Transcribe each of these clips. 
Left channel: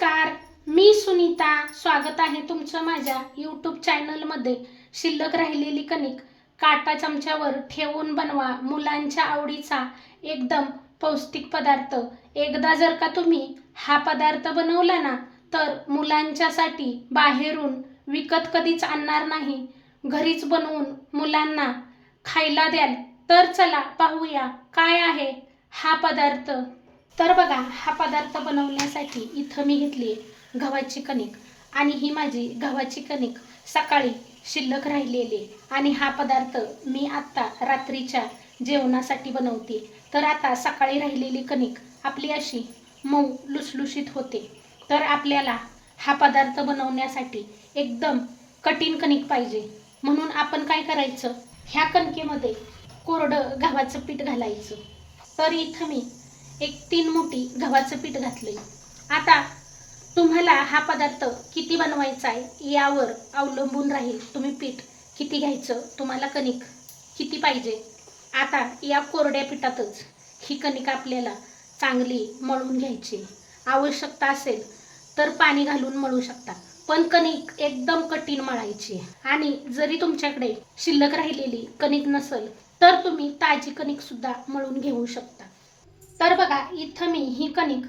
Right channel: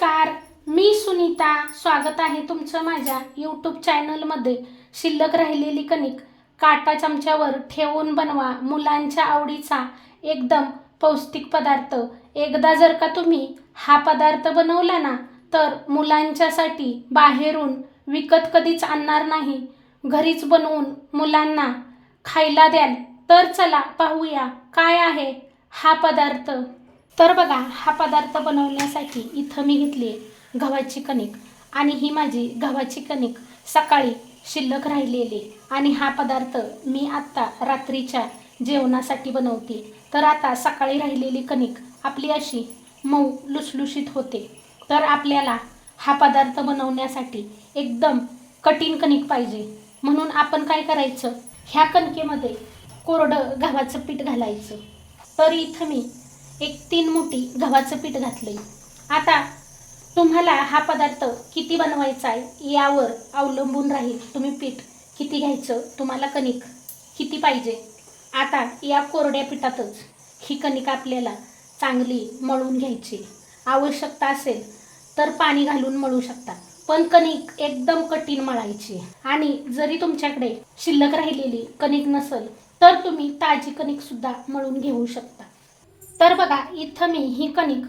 नमस्कार मी सुनीता. स्वागत आहे तुमचं माझ्या यूट्यूब चॅनलमध्ये शिल्लक राहिलेली कणिक काटा चमच्यावर ठेवून बनवा मुलांच्या आवडीचा एकदम पौष्टिक पदार्थ. एकदा जर का तुम्ही हा पदार्थ बनवला ना तर मुलांच्यासाठी बाहेरून विकत कधीच आणणार नाही. घरीच बनवून मुलांना खायला द्याल. तर चला पाहूया काय आहे हा पदार्थ. तर बघा हा पदार्थ बनवण्यासाठी इथं मी घेतली आहे गव्हाची कणिक. आणि ही माझी गव्हाची कणिक सकाळी शिल्लक राहिलेली आणि हा पदार्थ मी आत्ता रात्रीच्या जेवणासाठी बनवते. तर आता सकाळी राहिलेली कणिक आपली अशी मऊ लुसलुशीत होते. तर आपल्याला हा पदार्थ बनवण्यासाठी एकदम कठीण कणिक पाहिजे. म्हणून आपण काय करायचं? ह्या कणकेमध्ये कोरडं गव्हाचं पीठ घालायचं. तर इथं मी एक तीन मुठी गव्हाचं पीठ घातले आता तुम्हाला हा पदार्थ किती बनवायचा आहे यावर अवलंबून राहील तुम्ही पीठ. किती घ्यायचं तुम्हाला कणिक किती पाहिजे? आता या कोरड्या पिठातच ही कणिक आपल्याला चांगली मळून घ्यायची. आवश्यकता असेल तर पाणी घालून मळू शकता. पण कणिक एकदम कठीण मळायची. आणि जरी तुमच्याकडे शिल्लक राहिलेली कणिक नसेल तर तुम्ही ताजी कणिकसुद्धा मळून घेऊ शकता. तर बघा इथं मी ही कणिक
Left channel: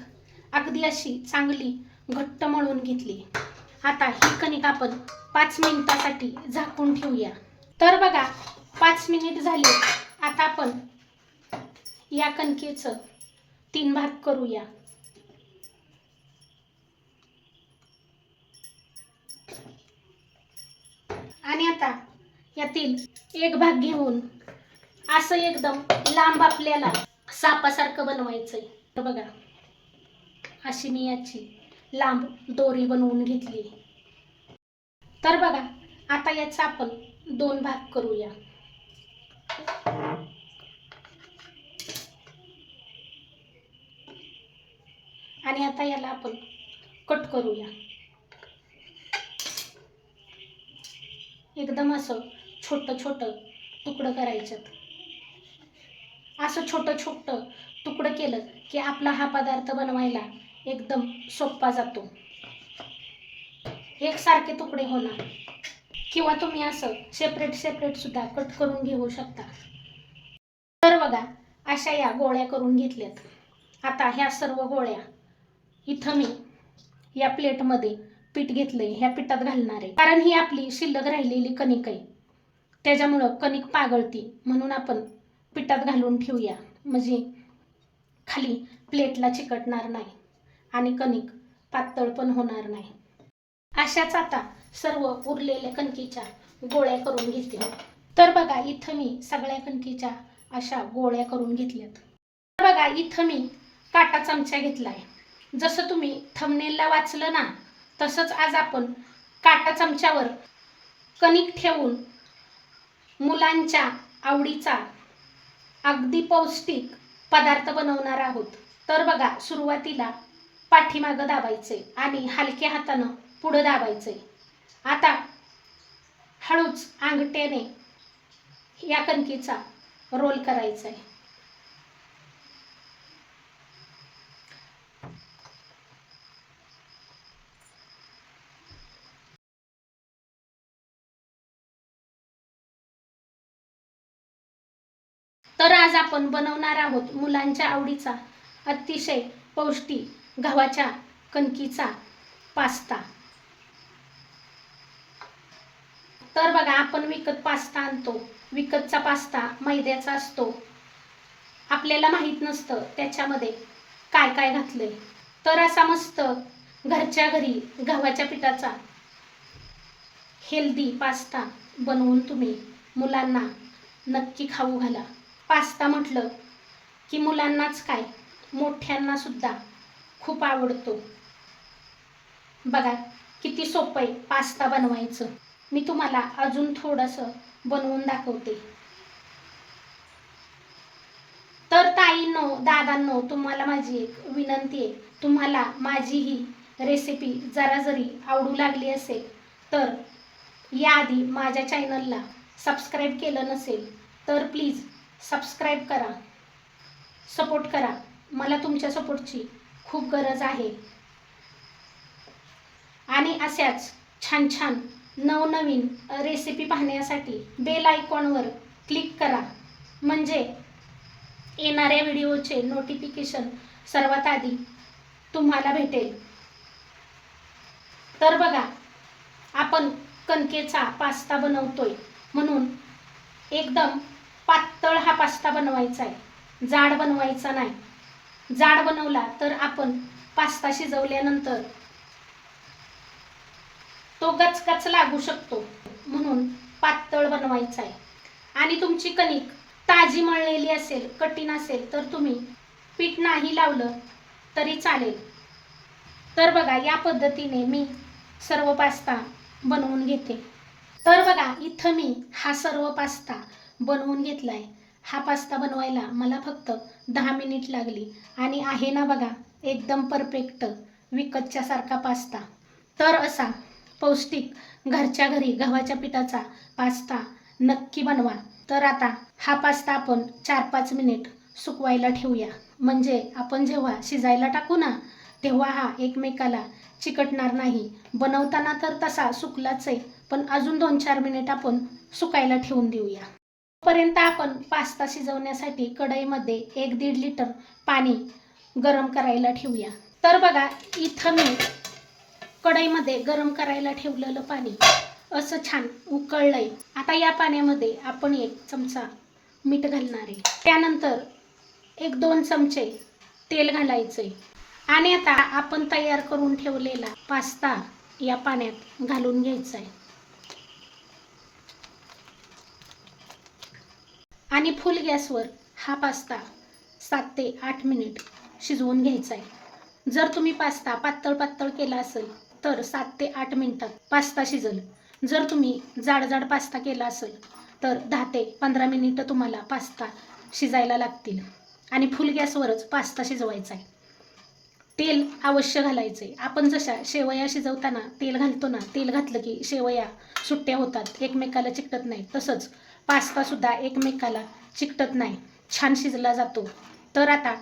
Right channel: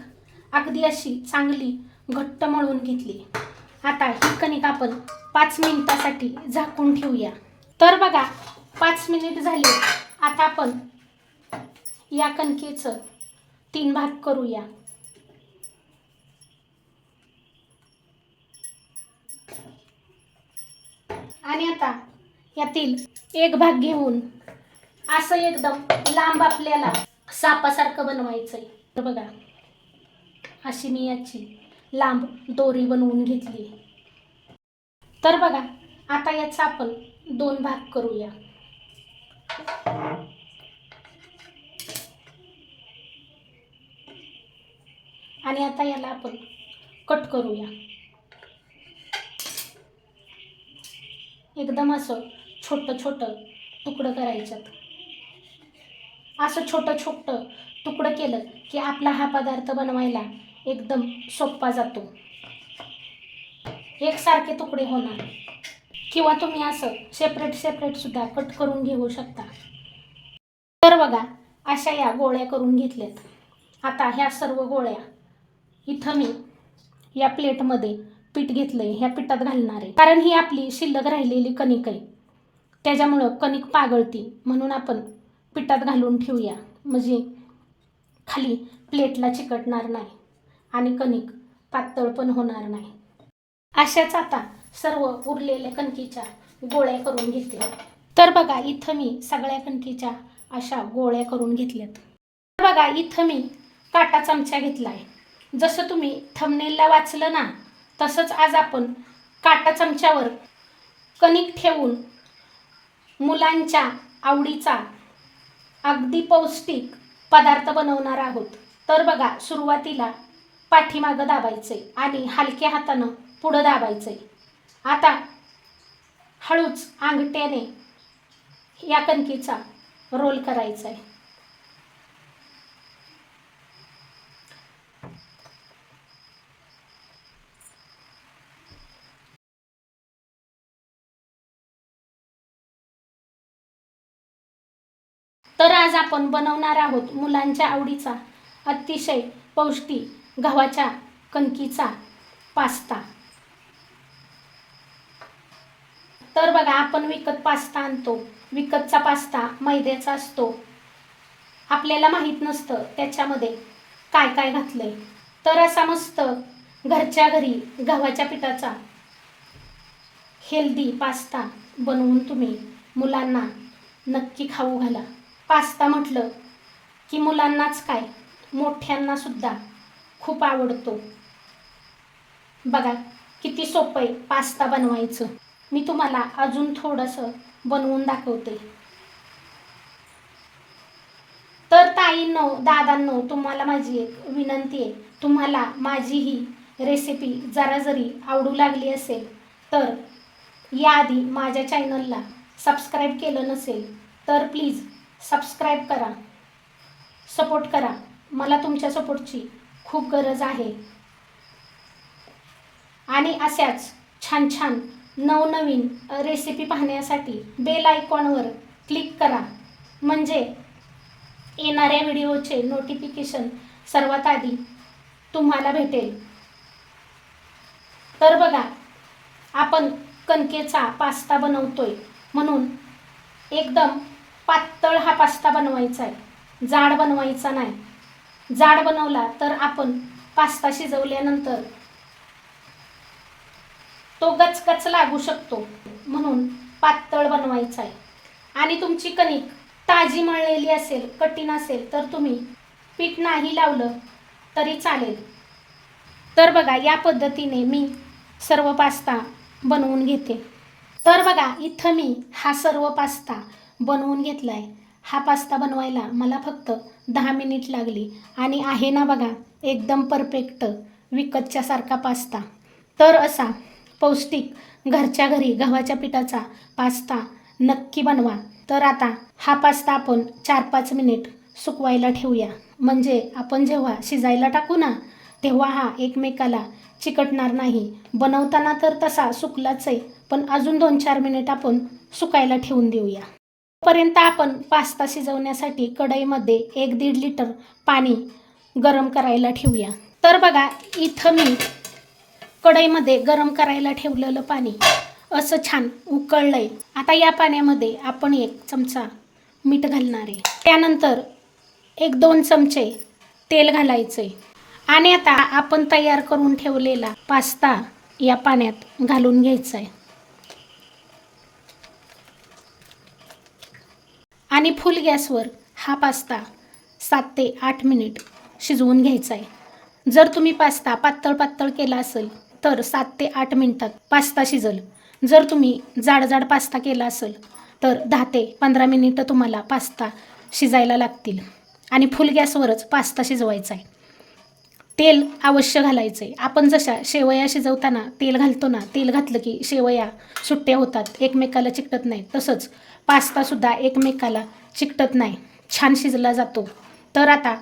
अगदी अशी चांगली घट्ट मळून घेतली. आता ही कणिक आपण पाच मिनिटासाठी झाकून ठेवूया. तर बघा पाच मिनिट झाले. आता आपण या कणकेचं तीन भाग करूया. आणि आता यातील एक भाग घेऊन असं एकदम लांब आपल्याला सापासारखं बनवायचंय. तर बघा अशी मी याची लांब दोरी बनवून घेतली. तर बघा आता याचा आपण दोन भाग करूया. आणि आता याला आपण कट करूया. एकदम असं छोटं छोटं तुकडं करायच्यात. असं छोटं छोटं तुकडं केलं की आपला हा पदार्थ बनवायला एकदम सोपा जातो. एकसारखे तुकडे होणार. किंवा तुम्ही असं सेपरेट सेपरेट सुद्धा कट करून घेऊ शकता. तर बघा अशा या गोळ्या करून घेतल्यात. आता ह्या सर्व गोळ्या इथं मी या प्लेटमध्ये पीठ घेतलंय ह्या पिठात घालणार आहे. कारण ही आपली शिल्लक राहिलेली कणिक आहे. त्याच्यामुळं कणिक पागळती म्हणून आपण पिठात घालून ठेवूया. म्हणजे खाली प्लेटला चिकटणार नाही आणि कणिक पातळ पण होणार नाही. अशाच आता सर्व उरलेल्या कणकीच्या गोळ्या करून घेतल्या तर बघा इथं मी सगळ्या कणकीच्या अशा गोळ्या करून घेतल्यात. तर बघा इथं मी काटा चमचा आहे जसं तुम्ही थमनेलला वाचलं ना तसंच आज आपण काटा चमच्यावर कणिक ठेवून मुलांच्या आवडीचा अगदी पौष्टिक पदार्थ बनवणार आहोत. तर बघा सुरुवातीला पाठीमागं दाबायचे आणि हलक्या हातानं पुढं दाबायचे. आता हळूच अंगठ्याने या कणकीचा रोल करायचा आहे तर आज आपण बनवणार आहोत मुलांच्या आवडीचा अतिशय पौष्टिक गव्हाच्या कणकीचा पास्ता. तर बघा आपण विकत पास्ता आणतो. विकतचा पास्ता मैद्याचा असतो. आपल्याला माहीत नसतं त्याच्यामध्ये काय काय घातले तर असा मस्त घरच्या घरी गव्हाच्या पिठाचा हेल्दी पास्ता बनवून तुम्ही मुलांना नक्की खाऊ घाला. पास्ता म्हटलं की मुलांनाच काय? मोठ्यांनासुद्धा खूप आवडतो. बघा किती सोपं आहे पास्ता बनवायचं. मी तुम्हाला अजून थोडंसं बनवून दाखवते. तर ताईंनो दादांनो तुम्हाला माझी एक विनंती आहे. तुम्हाला माझी ही रेसिपी जरा जरी आवडू लागली असेल तर याआधी माझ्या चॅनलला सबस्क्राईब केलं नसेल तर प्लीज सबस्क्राईब करा. सपोर्ट करा. मला तुमच्या सपोर्टची खूप गरज आहे. आणि अशाच छान छान नवनवीन रेसिपी पाहण्यासाठी बेल आयकॉनवर क्लिक करा. म्हणजे येणाऱ्या व्हिडिओचे नोटिफिकेशन सर्वात आधी तुम्हाला भेटेल. तर बघा आपण कणकेचा पास्ता बनवतोय. म्हणून एकदम पातळ हा पास्ता बनवायचा आहे. जाड बनवायचा नाही. जाड बनवला तर आपण पास्ता शिजवल्यानंतर तो गचगच लागू शकतो म्हणून पातळ बनवायचा आहे. आणि तुमची कणिक ताजी मळलेली असेल कठीण असेल तर तुम्ही पीठ नाही लावलं तरी चालेल. तर बघा या पद्धतीने मी सर्व पास्ता बनवून घेते. तर बघा इथं मी हा सर्व पास्ता बनवून घेतला आहे हा पास्ता बनवायला मला फक्त दहा मिनिट लागली. आणि आहे ना बघा एकदम परफेक्ट विकतच्या सारखा पास्ता. तर असा पौष्टिक घरच्या घरी गव्हाच्या पिठाचा पास्ता नक्की बनवा. तर आता हा पास्ता आपण चार पाच मिनिट सुकवायला ठेवूया. म्हणजे आपण जेव्हा शिजायला टाकू ना तेव्हा हा एकमेकाला चिकटणार नाही. बनवताना तर तसा सुकलाच आहे पण अजून दोन चार मिनिट आपण सुकायला ठेवून देऊया. पर्यंत आपण पास्ता शिजवण्यासाठी कढईमध्ये एक दीड लिटर पाणी गरम करायला ठेवूया. तर बघा इथं मी कढईमध्ये गरम करायला ठेवलेलं पाणी असं छान उकळलंय. आता या पाण्यामध्ये आपण एक चमचा मीठ घालणार आहे. त्यानंतर एक दोन चमचे तेल घालायचे आणि आता आपण तयार करून ठेवलेला पास्ता या पाण्यात घालून घ्यायचा आहे आणि फुल गॅसवर हा पास्ता सात ते आठ मिनिट शिजवून घ्यायचा आहे. जर तुम्ही पास्ता पातळ पातळ केला असेल तर सात ते आठ मिनिटात पास्ता शिजल. जर तुम्ही जाड जाड पास्ता केला असेल तर दहा ते पंधरा मिनिटं तुम्हाला पास्ता शिजायला लागतील आणि फुल गॅसवरच पास्ता शिजवायचा आहे. तेल अवश्य घालायचं आहे. आपण जशा शेवया शिजवताना तेल घालतो ना तेल घातलं की शेवया सुट्ट्या होतात. एकमेकाला चिकटत नाही. तसंच पास्तासुद्धा एकमेकाला चिकटत नाही. छान शिजला जातो. तर आता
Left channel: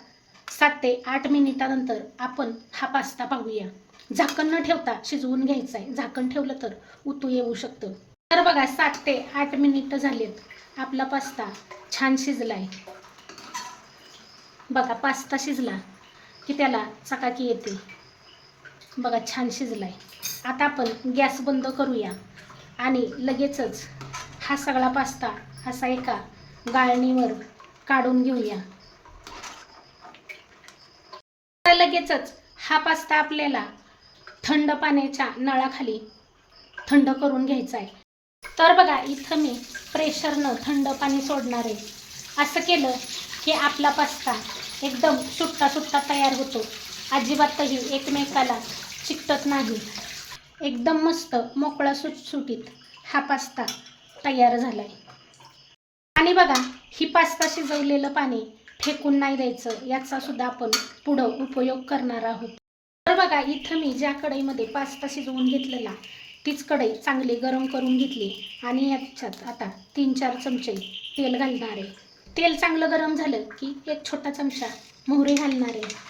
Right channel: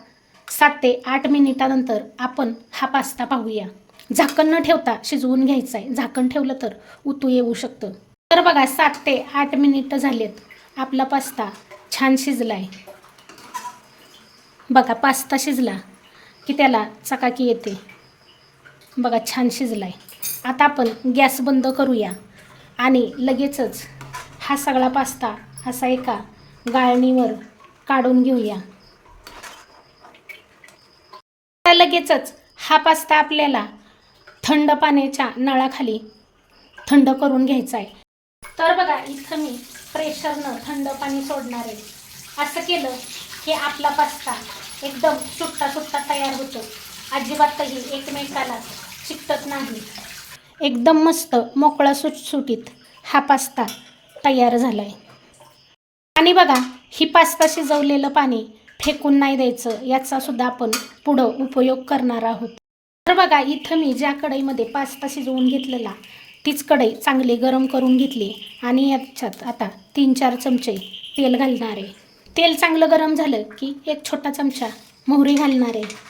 सात ते आठ मिनिटानंतर आपण हा पास्ता पाहूया. झाकण न ठेवता शिजवून घ्यायचं आहे झाकण ठेवलं तर उतू येऊ शकतं. तर बघा सात ते आठ मिनिटं झालेत. आपला पास्ता छान शिजला आहे बघा पास्ता शिजला की त्याला चकाकी येते. बघा छान शिजला आहे आता आपण गॅस बंद करूया आणि लगेचच हा सगळा पास्ता असा एका गाळणीवर काढून घेऊया. लगेचच हा पास्ता आपल्याला थंड पाण्याच्या नळाखाली थंड करून घ्यायचा आहे तर बघा इथं मी प्रेशरनं थंड पाणी सोडणार आहे. असं केलं की आपला पास्ता एकदम सुट्टा सुट्टा तयार होतो. अजिबातही एकमेकाला चिकटत नाही. एकदम मस्त मोकळा सुटसुटीत हा पास्ता तयार झालं आहे आणि बघा ही पास्ता शिजवलेलं पाणी फेकून नाही द्यायचं याचा सुद्धा आपण पुढं उपयोग करणार आहोत. तर बघा इथं मी ज्या कढईमध्ये पास्ता शिजवून घेतलेला तीच कढई चांगली गरम करून घेतली आणि याच्यात आता तीन चार चमचे तेल घालणार आहे. तेल चांगलं गरम झालं की एक छोटा चमचा मोहरी घालणार आहे.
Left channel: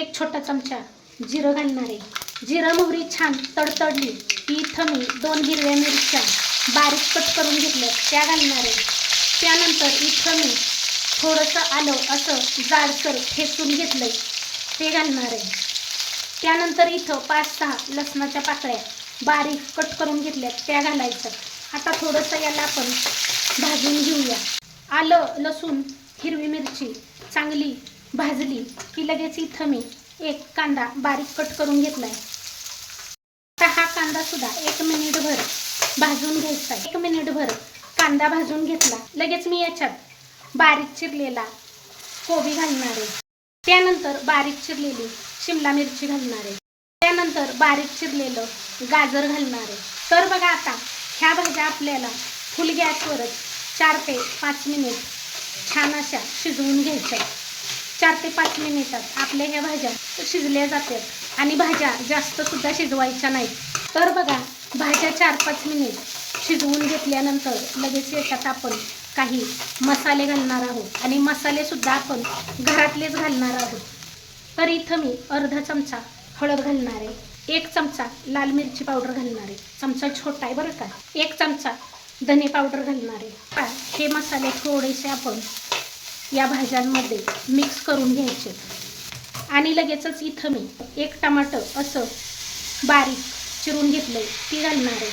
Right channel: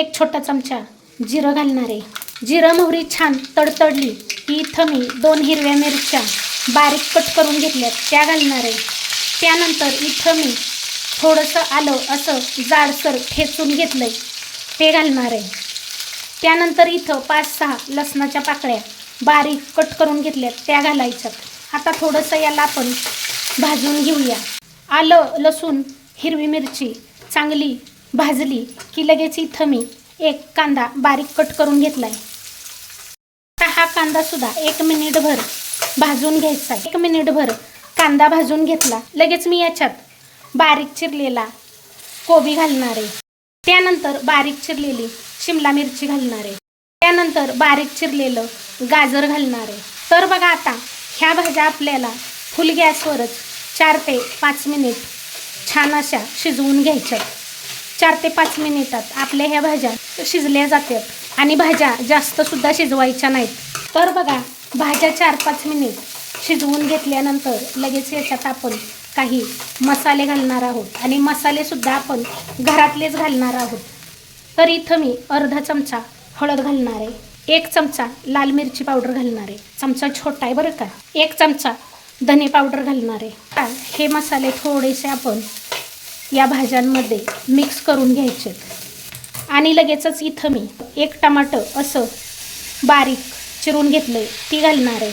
एक छोटा चमचा जिरं घालणार आहे. जिरं मोहरी छान तडतडली. की इथं मी दोन हिरव्या मिरच्या बारीक कट करून घेतल्या त्या घालणार आहे. त्यानंतर इथं मी थोडंसं आलं असं जाडसर ठेचून घेतलं आहे ते घालणार आहे. त्यानंतर इथं पाच सहा लसणाच्या पाकळ्या बारीक कट करून घेतल्या त्या घालायच्या आता थोडंसं याला आपण भाजून घेऊया. आलं लसूण हिरवी मिरची चांगली भाजली की लगेच इथं मी एक कांदा बारीक कट करून घेतला आहे आता हा कांदा सुद्धा एक मिनिटभर भाजून घ्यायचा. एक मिनिटभर कांदा भाजून घेतला. लगेच मी याच्यात बारीक चिरलेला कोबी घालणार आहे. त्यानंतर बारीक चिरलेली शिमला मिरची घालणार आहे. त्यानंतर बारीक चिरलेलं गाजर घालणार आहे. तर बघा आता ह्या भाज्या आपल्याला फुल गॅसवरच चार ते पाच मिनिट छान अशा शिजवून घ्यायच्या चार ते पाच मिनिटात आपल्या ह्या भाज्या शिजल्या जातात आणि भाज्या जास्तसुद्धा शिजवायच्या नाहीत. तर बघा भाज्या चार पाच मिनिट शिजवून घेतल्यानंतर लगेच याच्यात आपण काही मसाले घालणार आहोत. आणि मसालेसुद्धा आपण घरातलेच घालणार आहोत. तर इथं मी अर्धा चमचा हळद घालणार आहे. एक चमचा लाल मिरची पावडर घालणार आहे. चमचा छोटा आहे बरं का? एक चमचा धने पावडर घालणार आहे. हे मसाले थोडेसे आपण या भाज्यांमध्ये मिक्स करून घ्यायचे आणि लगेचच इथं मी एक टमाटर असं बारीक चिरून घेतलंय ती घालणार आहे.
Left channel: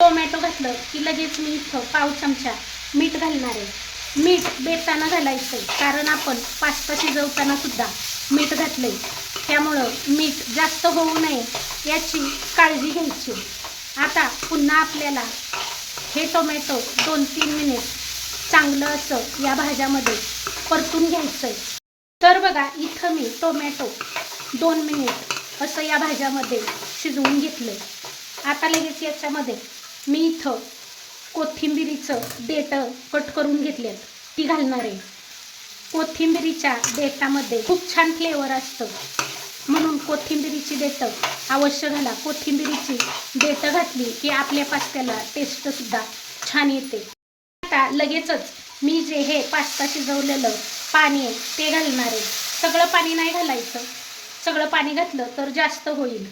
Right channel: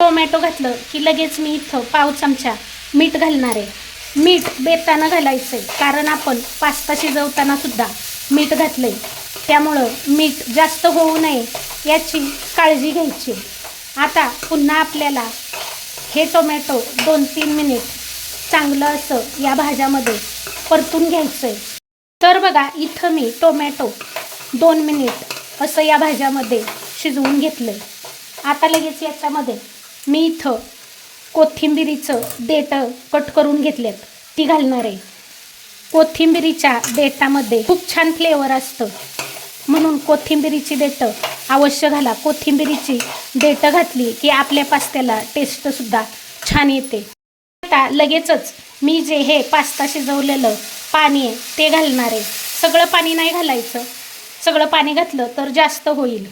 टोमॅटो घातलं की लगेच मी इथं पाव चमचा मीठ घालणार आहे. मीठ बेतानं घालायचं आहे कारण आपण पास्ता शिजवताना सुद्धा मीठ घातलं आहे त्यामुळं मीठ जास्त होऊ नये याची काळजी घ्यायची. आता पुन्हा आपल्याला हे टोमॅटो दोन तीन मिनिट चांगलं असं या भाज्यामध्ये परतून घ्यायचं आहे तर बघा इथं मी टोमॅटो दोन मिनिट असं या भाज्यामध्ये शिजवून घेतलं आता लगेच याच्यामध्ये मी इथं कोथिंबिरीचं देठं कट करून घेतलेत ती घालणार आहे. कोथिंबिरीच्या देठामध्ये खूप छान फ्लेवर असतं. म्हणून कोथिंबिरीची देठं अवश्य घाला. कोथिंबिरीची देठं घातली की आपल्या पास्त्याला टेस्टसुद्धा छान येते. आता लगेचच मी जे हे पास्ता शिजवलेलं पाणी आहे ते घालणार आहे. सगळं पाणी नाही घालायचं. सगळं पाणी घातलं तर जास्त होईल.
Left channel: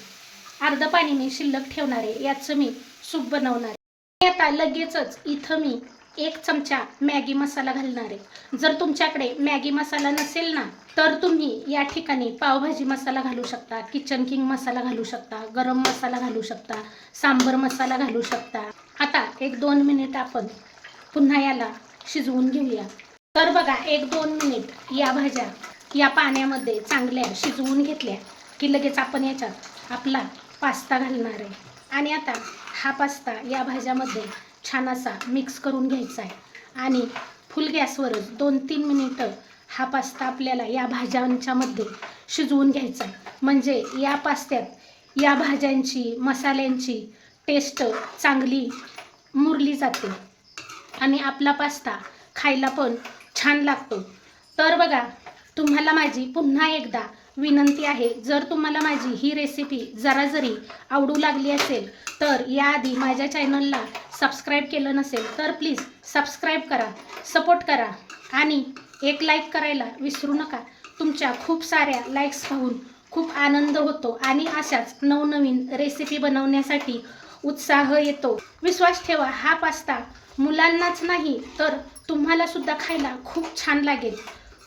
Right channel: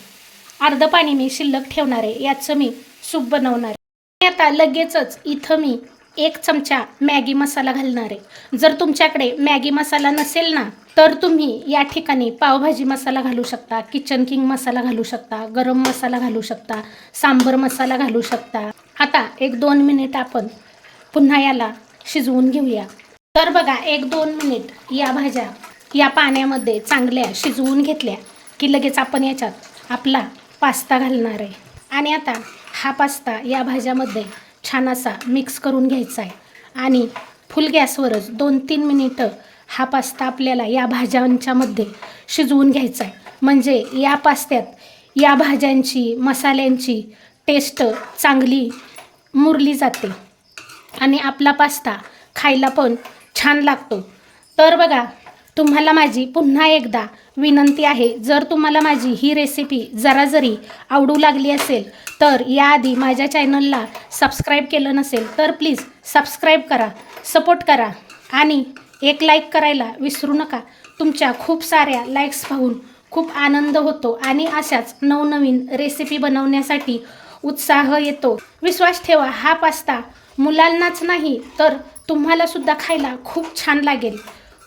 अर्ध पाणी मी शिल्लक ठेवणार आहे याचं मी सूप बनवणार आहे. आता लगेचच इथं मी एक चमचा मॅगी मसाला घालणार आहे. जर तुमच्याकडे मॅगी मसाला नसेल ना तर तुम्ही या ठिकाणी पावभाजी मसाला घालू शकता किचन किंग मसाला घालू शकता गरम मसाला घालू शकता सांबर मसाला घालू शकता. आता एक दोन मिनिट आपण पुन्हा याला शिजवून घेऊया. तर बघा एक दोन मिनिट. या भाज्या या पाण्यामध्ये चांगल्या शिजवून घेतल्या की लगेच आपण याच्यात आपला पास्ता घालणार आहे. आणि आता हा पास्ता या भाज्यामध्ये छान असा मिक्स करून घ्यायचा आहे. आणि फुल गॅसवरच दोन तीन मिनिटं हा पास्ता आपल्याला या भाज्यांच्यामध्ये शिजवून घ्यायचा आहे. म्हणजे या पास्त्यात या भाज्यांची मसाल्यांची टेस्ट चांगली मुरली जाते. आणि आपला पास्ता खायला पण छान लागतो. तर बघा तुम्हाला माझी पुन्हा एकदा विनंती आहे जर तुम्हाला माझी ही रेसिपी जरा जरी आवडू लागली असेल तर याआधी माझ्या चॅनलला सबस्क्राईब केलं नसेल तर प्लीज सबस्क्राईब करा सपोर्ट करा आणि एक लाईक करायला विसरू नका. तुमच्या खूप साऱ्या लाईक्स पाहून खूप आनंद होतो आणि अशाच नवनवीन रेसिपी बनवण्यासाठी उत्साह येतो. विश्वास ठेवा हा पास्ता मुलांनाच नाही तर तुम्हाला सुद्धा खायला खूप छान लागेल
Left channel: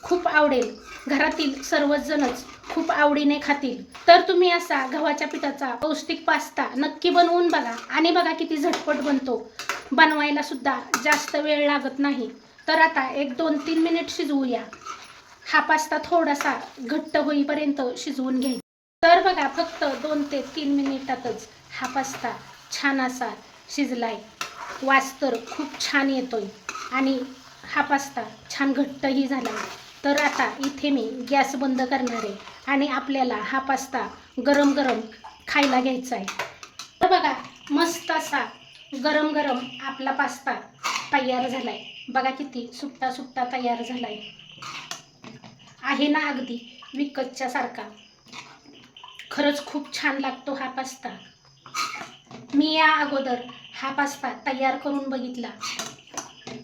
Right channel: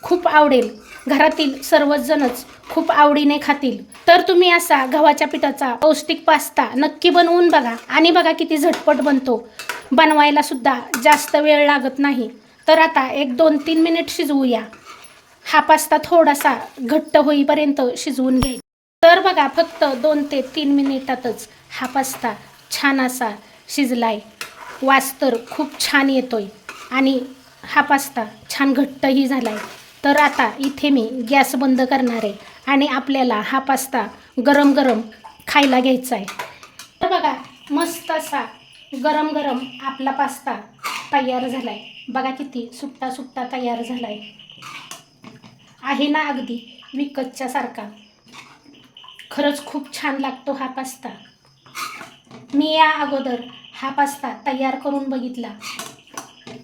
खूप आवडेल. घरातील सर्वजणच खूप आवडीने खातील. तर तुम्ही असा गव्हाच्या पिठाचा पौष्टिक पास्ता नक्की बनवून बघा आणि बघा किती झटपट बनतो. बनवायला सुद्धा जास्त वेळ लागत नाही. तर आता एक दोन तीन मिनिट शिजवूया. हा पास्ता थोडासा घट्ट होईपर्यंत शिजवून घ्यायचा. तर बघा फक्त दोन ते तीन मिनिटातच हा पास्ता छान असा शिजलाय. वास तर खूप छान येतोय. आणि हा पास्ता छान घट्टही झाला आहे तर आता इथे मी गॅस बंद करणार आहे आणि आपल्याला हा पास्ता गरम गरम खायला घ्यायचा आहे. तर बघा मस्त असा गरम गरम आपला पास्ता तयार झाला आहे बघा किती सुट्टा सुट्टा तयार झाला आहे ना अगदी विकतच्या सारखा. खरंच खूप छान लागतो हा पास्ता. मी या अगोदर हा पास्ता तयार करून बघितला.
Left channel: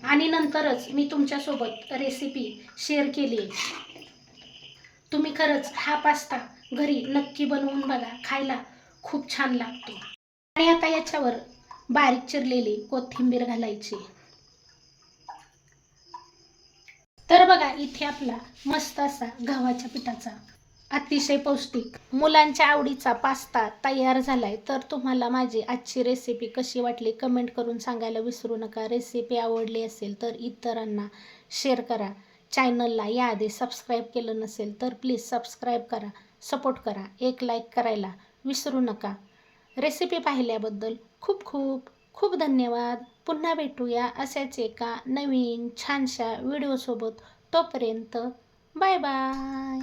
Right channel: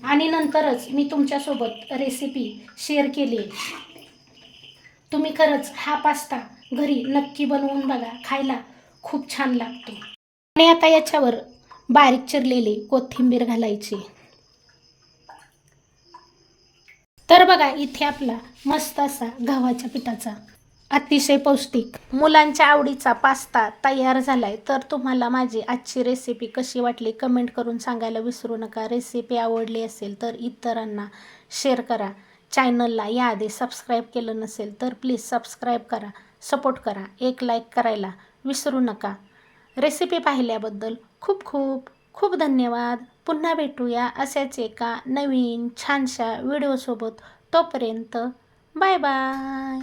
आणि नंतरच मी तुमच्यासोबत रेसिपी शेअर केली. तुम्ही खरंच हा पास्ता घरी नक्की बनवून बघा. खायला खूप छान लागतो. आणि आता याच्यावर बारीक चिरलेली कोथिंबीर घालायची. तर बघा इथे आपला मस्त असा गव्हाच्या पिठाचा अतिशय पौष्टिक. मुलांच्या आवडीचा पास्ता तयार झालाय. तर तुम्हाला माझी आजची रेसिपी कशी वाटली कमेंट करून सांगायला विसरू नका. रेसिपी आवडली असेल तर इतरांना शेअर करा. चॅनलला याआधी सबस्क्राईब केलं नसेल तर प्लीज सबस्क्राईब करा. सपोर्ट करा. एक लाईक करायला विसरू नका. रेसिपी पाहिल्याबद्दल खूप खूप खूप धन्यवाद. पुन्हा भेटूया अशाच एका नवीन छानशा व्हिडिओसोबत तोपर्यंत बाय बाय